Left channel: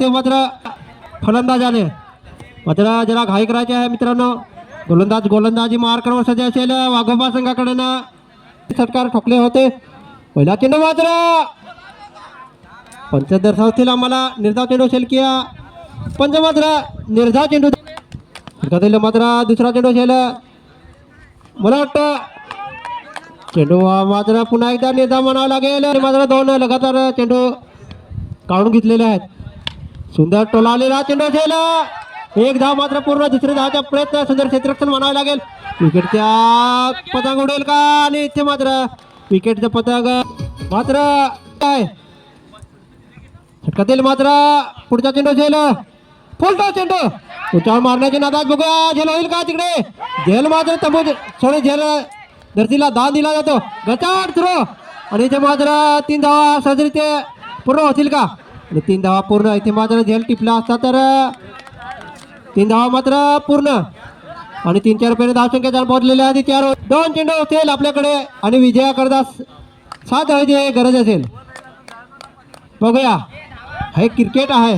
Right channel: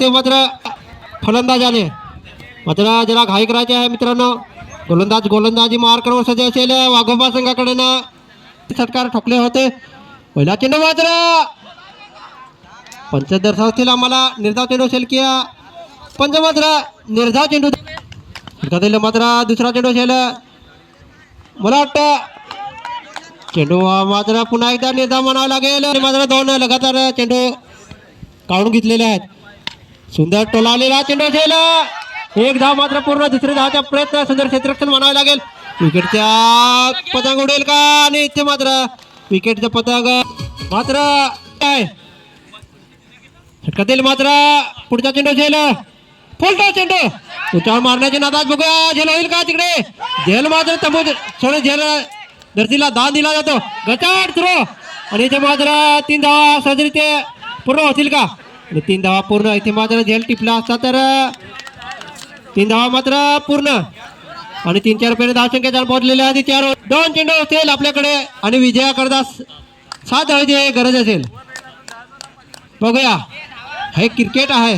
ते मात्र फलंदाजाने. मात्र जरा घाई करायचे आहे मित्रांनो. गोलंदाज गोलंदाजी मार सज्ज असेल वाघोबा संघाकडनं षटकार ठोकले होते. पहिला चेंडू मात्र पंच दर्शवतील आम्हाला निर्धाव चेंडू असेल की पंच मात्र निर्धाव चेंडू षटकातील मात्र दुसरा चेंडू असेल मला वाटतं चेंडू मात्र पुन्हा एकदा निर्धाव म्हणावा लागेल. मात्र दोन लगातार चेंडू काढून घेतलेले आहेत. सुंदर टोलावलेला चेंडू असेल एक धाव मात्र पूर्ण दुसरे धावचा प्रयत्न सुंदर क्षेत्ररक्षण म्हणावे लागेल. विकेटच्या पतंग उडेल का? आणि इथे मात्र विकेटचं पतंग मात्र काय षटकातील मात्र पुढचा चेंडू झेल. फुलटा चेंडू? त्याच्यावर मारण्याची नादात बघूया. झेल होईल का तिकडे? झेल मात्र तंबू सोडे झेल धरतीला दान दिला जातो. गचाट थ्रो. आणि इथे मात्र तीन धावा सहजरित्या ते पूर्ण होतील का? आणि तीन धावा पूर्ण. इथे मात्र झेल टिपला असता तर तीन धावा मात्र पूर्ण. आणि तीन चार रुपये धावसंख्या पोहोचलेल्या आधी चार दोन चेंडू असतील आपल्याकडे. आणि विजयाकरता सात धावाची गरज असेल. बघूया. हे क्रिकेट आहे.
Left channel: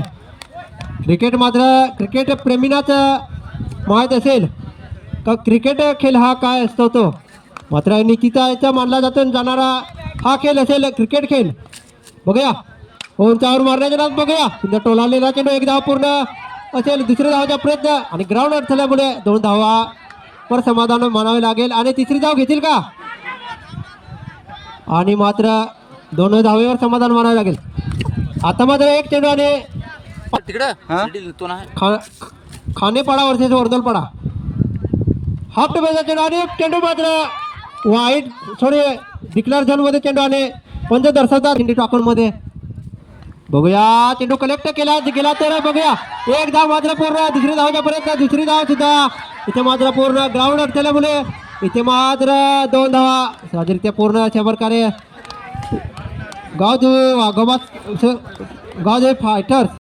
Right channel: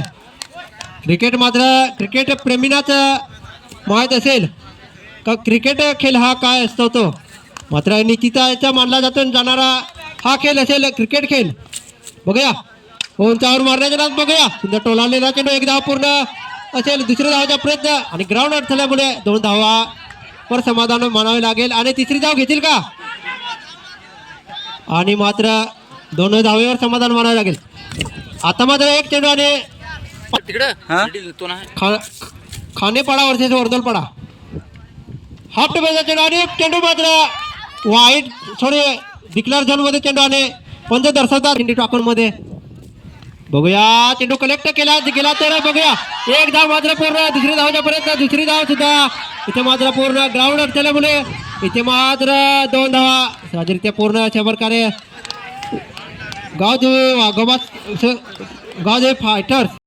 क्रिकेट मात्र क्रिकेट प्रेमीनाच माहीत असेल. तर क्रिकेट खेळ हा काय असतो तो? मात्र निकिताचा मानला जातो जाणारा हा खेळ असेल क्रिकेट खेळ. बघूया. उंचावर मारण्याच्या नाद बघूया. सुंदर टोलालेला चेंडू एक धाव पूर्ण. असेल दुसऱ्या धावाचा प्रयत्न आणि ग्राउंड अडथल्यामुळे दोन धावा वर समाधान मानावे लागेल. आणि तिसरी धाव घेतील का? आणि मात्र दोन धावेवर समाधान मानावे लागेल. आता मात्र एक चेंडू आणि हा? खानेपाडा वर्सेस वर्दलपाडा. हाफ टोब्याचा चेंडू आणि चेंडू मात्र वाईट सॉरी डिक्लेअर झोनमध्ये चेंडू आणि पंच दर्शवतात. इंडी मध्ये बघूया चेंडू कलेक्ट केला गेला तर बघूया. एक धाव मात्र पूर्ण दुसरी धावच्या पर्यंत दुसरी धाव सुद्धा. इथे मात्र पूर्ण ग्राउंड असल्यामुळे इथे मात्र दोन धावा. सहजरित्या पूर्ण अशा प्रकारे गावदेवी वाघोबा गावदेवी फायटर्स